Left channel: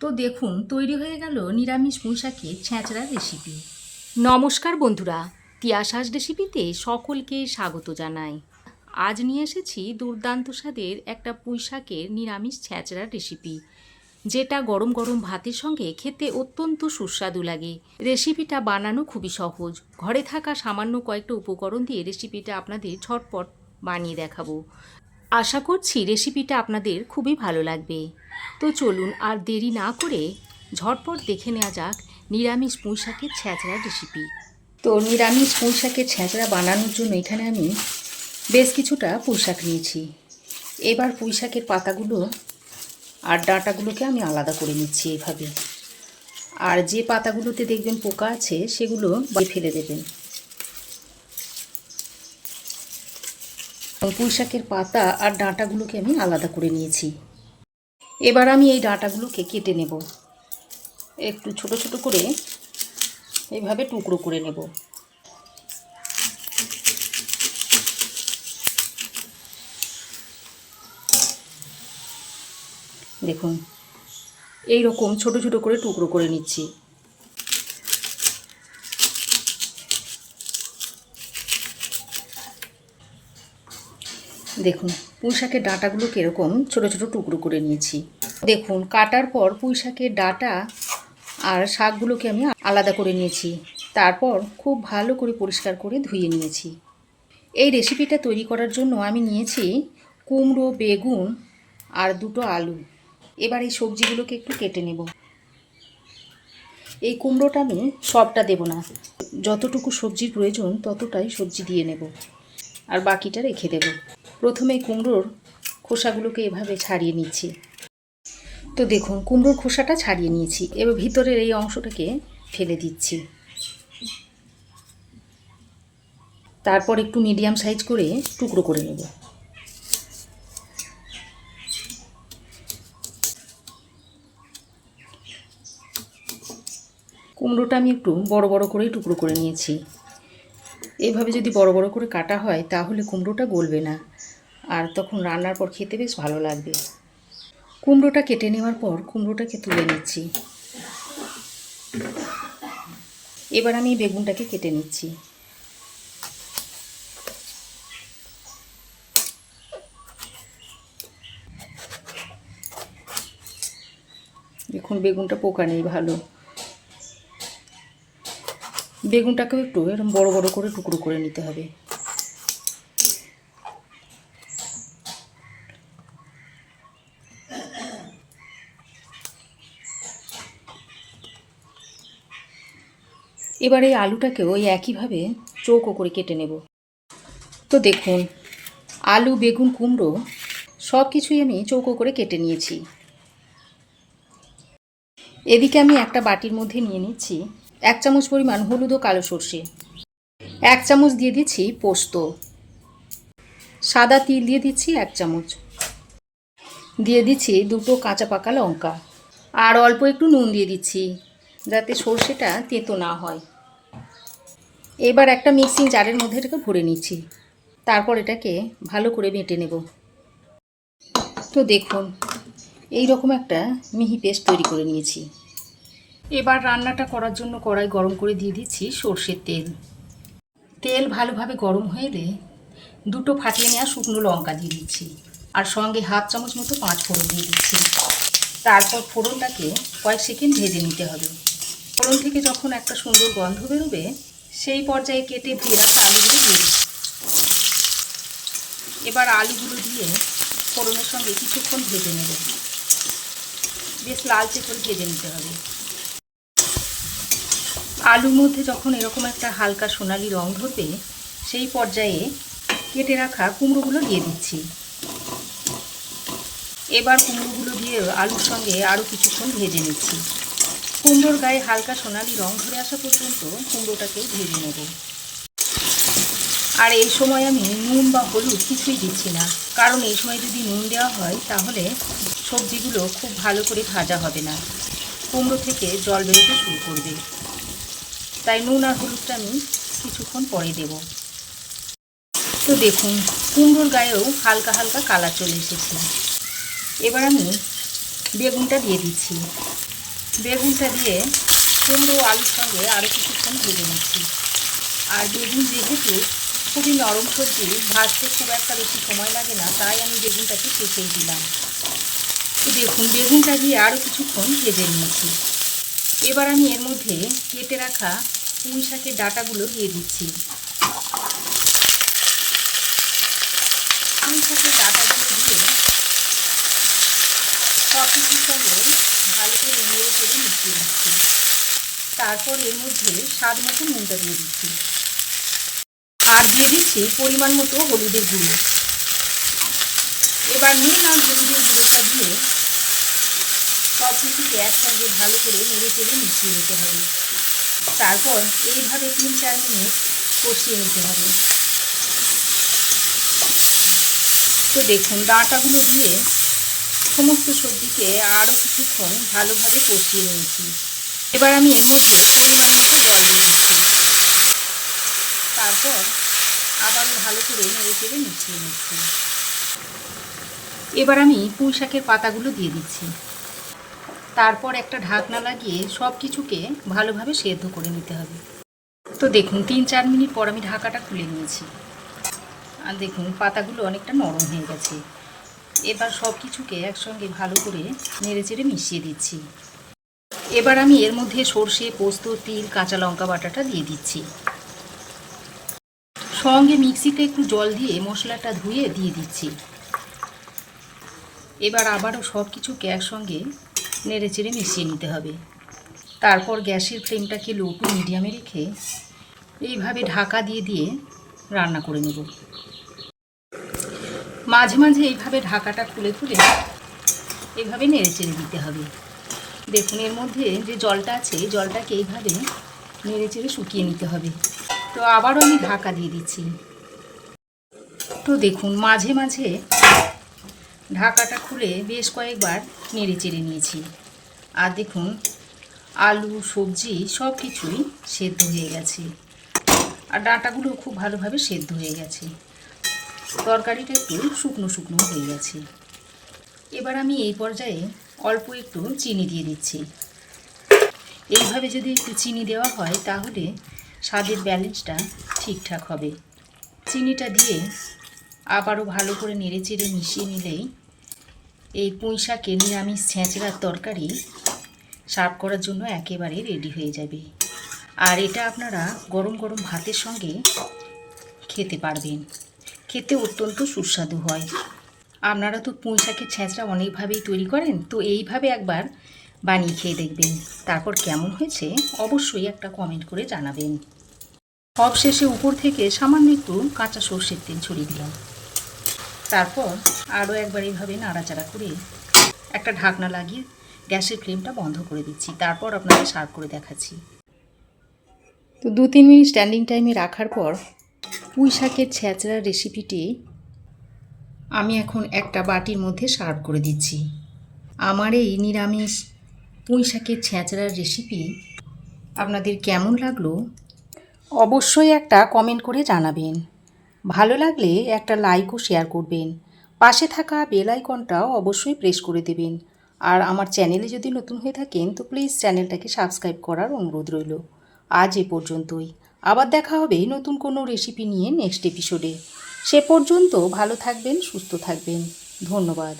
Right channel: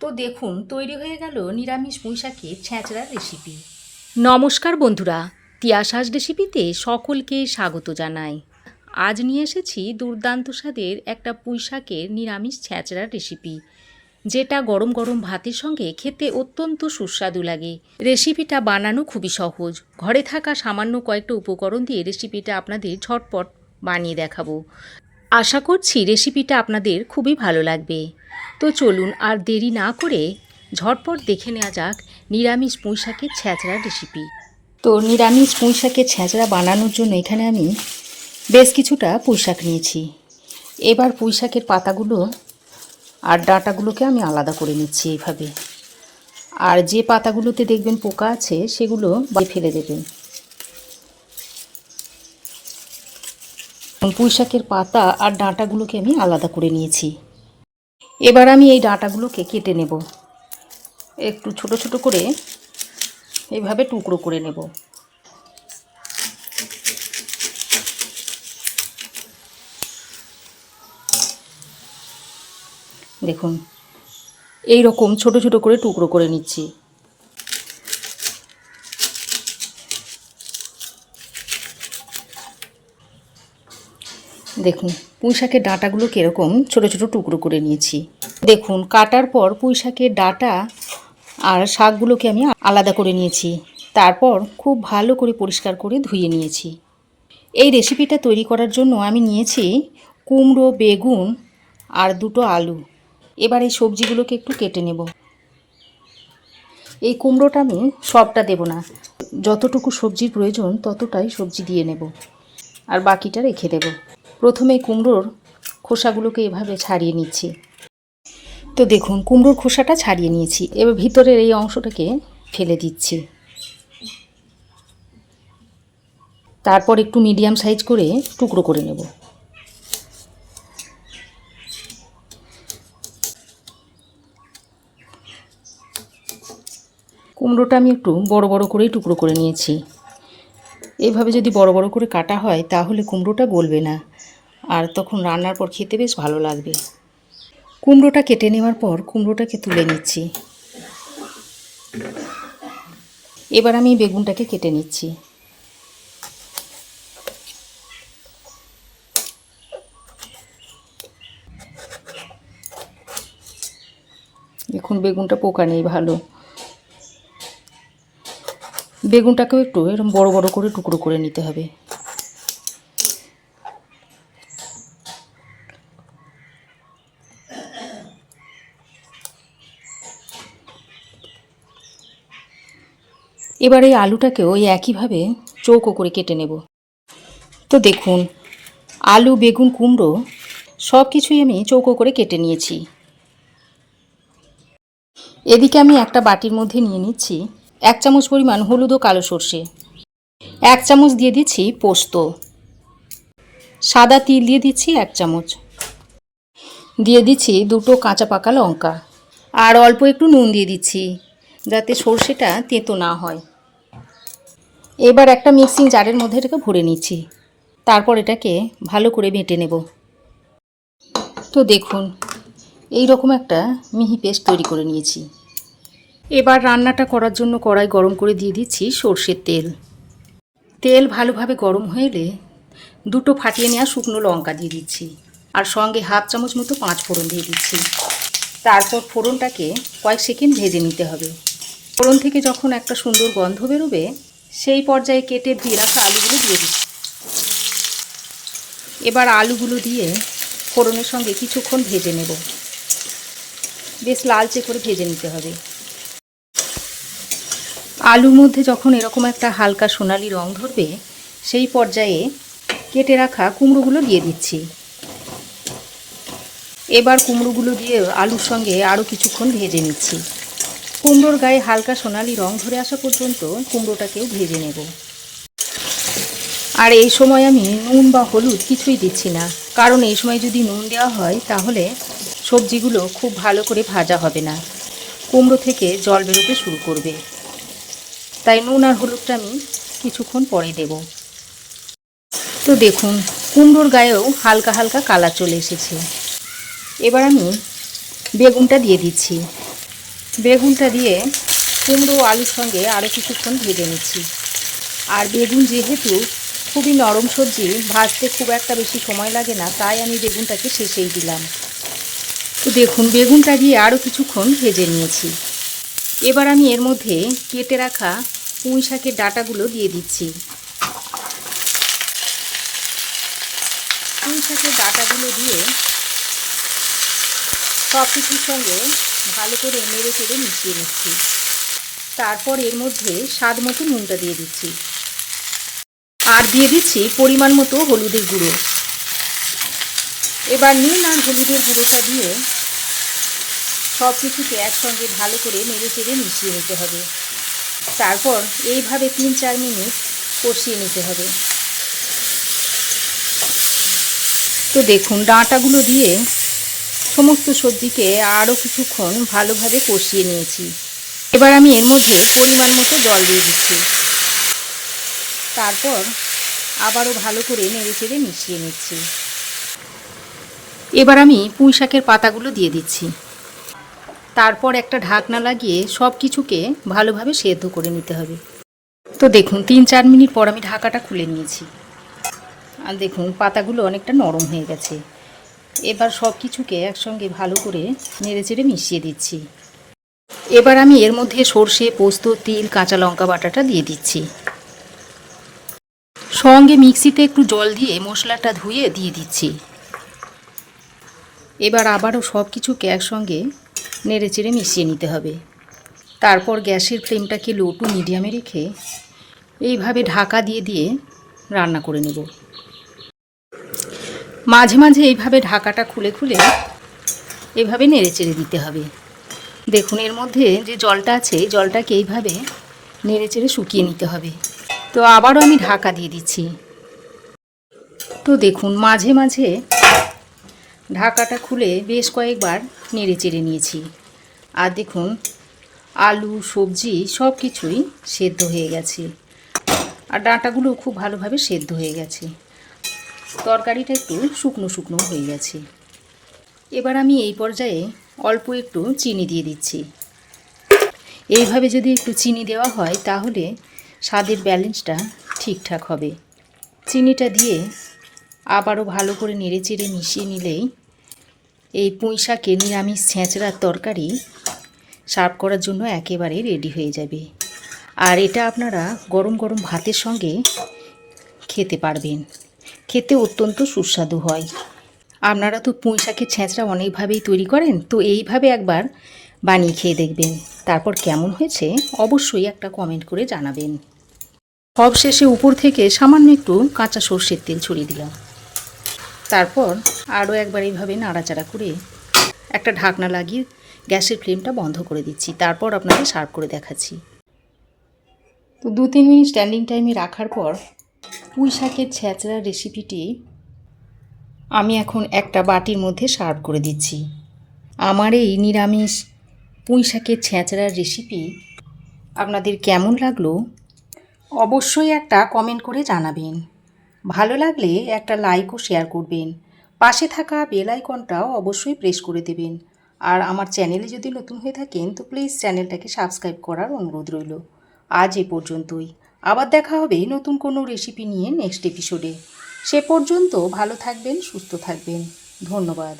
তো দেখুন তৈরি হয়ে গেল নিরামিষ পুঁইশাকের ছ্যাঁচড়ার রেসিপি। নমস্কার বন্ধুরা, তিয়াসাস রেসিপিতে সকলকে স্বাগত জানাই। আজ নিয়ে এসেছি দুর্দান্ত স্বাদের একটা পুঁইশাকের নিরামিষ ছ্যাঁচড়ার রেসিপি, যেটা গরম গরম ভাতের সঙ্গে খেতে অত্যন্ত সুস্বাদু লাগে। রেসিপিটা বানানো খুবই সহজ, ঘরে থাকা সামান্য কয়েকটা উপকরণ দিয়ে রেসিপিটা আপনাদের ঝটপট বানিয়ে দেখাবো। আশা করছি রেসিপিটা আপনাদের খুবই ভালো লাগবে। তো চলুন আর দেরি না করে ঝটপট দেখে নেওয়া যাক নিরামিষ পুঁইশাকের ছ্যাঁচড়ার রেসিপি। তো নিরামিষ পুঁইশাকের ছ্যাঁচড়া বানানোর জন্য এখানে আমি বেশ কিছুটা পুঁইশাক নিয়েছি। এবার পুঁইশাকের পাতাগুলো আর ডাঁটাগুলোকে আমি আলাদা করে নিচ্ছি এইভাবে। আর যে পাতাগুলোতে দেখবেন পোকা আছে সেগুলো ফেলে দেবেন। পুঁইশাকের পাতা আর ডাঁটাগুলোকে আমি আলাদা করে নিয়েছি। এবার আমি এই ডাঁটাগুলোকে কেটে নেব, একটু ছোট ছোট করে এইভাবে টুকরো করে নেব। দেখুন এই রকম ছোট ছোট করে টুকরো করে নিচ্ছি। দেখুন পুঁইশাকের ডাঁটাগুলোকে এরকম ছোট ছোট টুকরো করে নিয়েছি। দেখুন কাটার পর পুঁইশাকের ডাঁটা আর শাকগুলোকে আমি আলাদা করে নিয়েছি। তারপর খুব ভালো করে পরিষ্কার করে ধুয়ে নিয়েছি। এই রেসিপিটা তৈরি করার জন্য আমি নিয়েছি কুমড়ো, বেগুন আর দুটো আলু। এবার এই সবজিগুলোকে একটু কেটে নেব। এই কুমড়োটা আমি সবটা দেব না, যতটুকু সবজির প্রয়োজন ততটাই সবজি দিয়ে নেব, আর বাকিটা রেখে দেব। প্রথমে কুমড়োর খোসাগুলোকে এভাবে ছাড়িয়ে নিচ্ছি। তো দেখুন কুমড়োর খোসাটা ছাড়িয়ে নিয়েছি। এবার ভিতরের এই অংশটাকে ফেলে দিচ্ছি। তারপর একটু মিডিয়াম সাইজ করে টুকরো করে নেব। কুমড়োটা আমি একটু বড় বড় করেই টুকরো করে নিয়েছি। এইভাবে যদি বড় বড় করে কাটা হয় তাহলে কুমড়োটা গলবে না, আর তখন রান্নার পর খেতে বেশ ভালো লাগবে। কুমড়োটা কেটে নেওয়ার পর কুমড়োটাকে তুলে নিচ্ছি। এবার আমি বেগুনটাকে কেটে নিচ্ছি। দেখুন বেগুনটা পোকা নেই, ভালো। বেগুনটাকেও একটু এরকম বড় বড় করে টুকরো করে নিতে হবে। এবার এই আলুটাকেও ওই একইভাবে চৌকো করে কেটে নেব। তো দেখুন আলু, বেগুন, কুমড়ো সব কিছুই আমি চৌকো করে কেটে নিয়েছি। এদিকে আমি একটা বাটির মধ্যে নিয়ে নিচ্ছি 1 চামচ পরিমাণ হলুদ ও কালো সর্ষে, 1 চামচ দিয়ে দিচ্ছি পোস্ত, সাদা তিল দিয়ে দিচ্ছি 1 চামচ, দিয়ে দিচ্ছি দুটো কাঁচা পাকা লঙ্কা, আর অল্প একটু নুন দিয়ে দিচ্ছি যাতে সর্ষেটা তেতো না হয়। এবার একটা মিক্সিং জারের মধ্যে এটাকে ভরে নিচ্ছি। তারপর এটাকে ভালো করে বেটে নেব। তো দেখুন এই রকম একটা মিহি পেস্ট তৈরি করে নিয়েছি। এবার রান্নাটা করার জন্য কড়াই গরম করে দিয়ে দিচ্ছি সর্ষের তেল। তেল ভালোভাবে গরম হয়ে এলে দুটো ফাটিয়ে নেওয়া শুকনো লঙ্কা দিয়ে দিচ্ছি, আর সঙ্গে 1/2 চামচ মতো 5 ফোড়ন দিয়ে দিচ্ছি। তারপর ফোড়নটাকে কয়েক সেকেন্ড ভেজে নিতে হবে। ফোড়ন থেকে যখন একটা সুন্দর গন্ধ বেরোবে সেই পর্যায়ে কেটে ধুয়ে রাখা আলুগুলো দিয়ে দিচ্ছি। এবার আলুগুলো দিয়ে ফোড়নের সঙ্গে কিছুক্ষণ ভেজে নেব, বেশ লালচে করে ভেজে নিতে হবে। আলুর মধ্যে যখন এরকম একটা হালকা সোনালি রং ধরবে সেই পর্যায়ে কেটে রাখা কুমড়োগুলো দিয়ে দিচ্ছি। এবার কুমড়োগুলো দিয়ে আলুর সঙ্গে আরও কিছুক্ষণ ভেজে নিচ্ছি। কুমড়োর গায়ে হালকা সোনালি রং ধরে আসা পর্যন্ত কুমড়োটাকে ভেজে নেব। আর এই সময় আমি নুন বা হলুদ কিছুই দিচ্ছি না, কারণ এই সময় যদি নুন দেওয়া হয় তাহলে সবজিগুলো খুব ভালো করে ভাজা হবে না, কুমড়ো থেকে জল বেরোতে শুরু করবে। তাই নুন আর হলুদটা আমি কিছুক্ষণ পরে দেব। তো দেখুন কুমড়োর গায়েও হালকা হালকা কালার চলে এসেছে। এবার আমি বেগুনটা দিয়ে দিচ্ছি। বেগুনটা দিয়ে কুমড়ো আলুর সঙ্গে আরও কিছুক্ষণ ভেজে নিচ্ছি। আর বেগুন যেহেতু খুবই নরম সবজি, ভাজতে খুব একটা বেশি সময় লাগে না, তাই আমি বেগুনটাকে শেষেই দিলাম। তো দেখুন বেগুনটা দিয়ে আরও কিছুক্ষণ ভেজে নিয়েছি। এবার আমি এর মধ্যে কেটে রাখা পুঁই শাকের ডাঁটাগুলো দিয়ে দিচ্ছি। পুঁই শাকের ডাঁটাগুলো দিয়ে সব কিছুর সঙ্গে ভালো করে নেড়ে চেড়ে মিশিয়ে নিচ্ছি। তারপর এর মধ্যে স্বাদ মতো নুনটা দিয়ে দিচ্ছি, আর দিয়ে দিচ্ছি পরিমাণ মতো হলুদের গুঁড়ো। এবার নুন আর হলুদের গুঁড়োটা দিয়ে সব কিছুকে একসঙ্গে ভালো করে নেড়ে চেড়ে মিশিয়ে নিতে হবে। তারপর এইভাবে 3-4 মিনিট কষিয়ে নিতে হবে। তো দেখুন ডাঁটাগুলো দিয়ে সমস্ত সবজিকে আরও কিছুক্ষণ ভালোভাবে কষিয়ে নিয়েছি। এবার আমি এর মধ্যে পরিমাণ মতো জল দিয়ে দিচ্ছি। তারপর আবারও ভালো করে নেড়ে চেড়ে মিশিয়ে নিচ্ছি। এবার আমি পুঁই শাকের পাতাগুলো দিয়ে দিচ্ছি। তারপর একটা ঢাকনা লাগিয়ে সব কিছুকে ভালোভাবে সেদ্ধ করে নিতে হবে। তো দেখুন 3-4 মিনিট পর আমি ঢাকাটা খুলে নিয়েছি। আর দেখুন পাতাগুলো অনেকটা নরম হয়ে গেছে। এবার সব কিছুকে একসঙ্গে ভালো করে নেড়ে চেড়ে মিশিয়ে দিচ্ছি। এবার আমি এর মধ্যে সর্ষে, পোস্ত, তিল, কাঁচা লঙ্কা বাটাটা দিয়ে দিচ্ছি। সঙ্গে মিক্সিতে একটু জল দিয়ে মশলাটা ধুয়ে দিয়ে দিচ্ছি। এবার আবারও সব কিছুকে একসঙ্গে নেড়ে চেড়ে মিশিয়ে নিতে হবে। তারপর গ্যাসের ফ্লেমটাকে লো টু মিডিয়ামে রেখে এইভাবে ঢাকা দিয়ে দিয়ে রান্না করে নেব। মাঝে মাঝে এইভাবে ঢাকাটা খুলে খুলে এইভাবে নেড়ে চেড়ে দিতে হবে। দেখুন এর মধ্যে যে জলটা আছে, জলটাকে এইভাবে নেড়ে চেড়ে শুকিয়ে নিতে হবে। তো আবারও আমি ঢাকা দিয়ে দিচ্ছি। তো দেখুন মাঝে মাঝে ঢাকাটা খুলে বেশ কয়েকবার নেড়ে চেড়ে নিয়েছি। আর দেখুন আলু, সবজি সব কিছুই সেদ্ধ হয়ে গেছে, আর ডাঁটাগুলো খুব ভালোভাবে সেদ্ধ হয়ে গেছে। তরকারিটা একটু শুকনো শুকনো হয়ে গেছে। এবার আমি এই পর্যায়ে অল্প একটু চিনি দিয়ে দিচ্ছি। এইভাবে যদি একটু চিনি দেওয়া হয় তাহলে স্বাদের ব্যালেন্সটা ঠিকঠাক হবে। চিনিটা দিয়ে আবারও ভালো করে নেড়ে চেড়ে মিশিয়ে নিলেই এই পুঁই শাকের নিরামিষ ছেঁচড়ার তরকারি সার্ভ করার জন্য একেবারে রেডি হয়ে যাবে। আর এটা আপনারা গরম গরম ভাতের সঙ্গে খেতে পারবেন। খেতে অত্যন্ত সুস্বাদু হয়। আপনারা তো পুঁই শাকের ছেঁচড়া অনেকভাবেই তৈরি করেন, তো এইভাবে একবার বানিয়ে খেয়ে দেখবেন। তারপর কেমন হয়েছে অবশ্যই একটা কমেন্ট করে জানাবেন। সব শেষে উপর থেকে সামান্য একটু কাঁচা সর্ষের তেল ছড়িয়ে দিলাম। তারপর আরও একবার এইভাবে নাড়াচাড়া করে একটা ঢাকনা লাগিয়ে গ্যাসের ফ্লেমটা বন্ধ করে দিচ্ছি। তারপর আপনাদের সার্ভ করে দেখাচ্ছি। তো 2-3 মিনিট স্ট্যান্ডিং টাইমে রাখার পর পুঁই শাকের ছেঁচড়ার রেসিপিটি আমি এখন একটা বাটির মধ্যে সার্ভ করে দিচ্ছি। আমার এই নিরামিষ পুঁই শাকের ছেঁচড়ার রেসিপি আপনাদের কেমন লাগলো অবশ্যই একটা কমেন্ট করে জানাবেন। ভালো লাগলে একটা লাইক ও শেয়ার করবেন। পাশে থাকা বেল আইকনটাও অবশ্যই প্রেস করে দেবেন। আর আমার চ্যানেলে যদি নতুন হয়ে থাকেন তো প্লিজ চ্যানেলটাকে সাবস্ক্রাইব করার অনুরোধ রইল। আজ এ পর্যন্তই। আবার দেখা হবে নতুন কোনো রেসিপি নিয়ে নেক্সট এপিসোডে। সে পর্যন্ত ভালো থাকবেন, সুস্থ থাকবেন। ধন্যবাদ।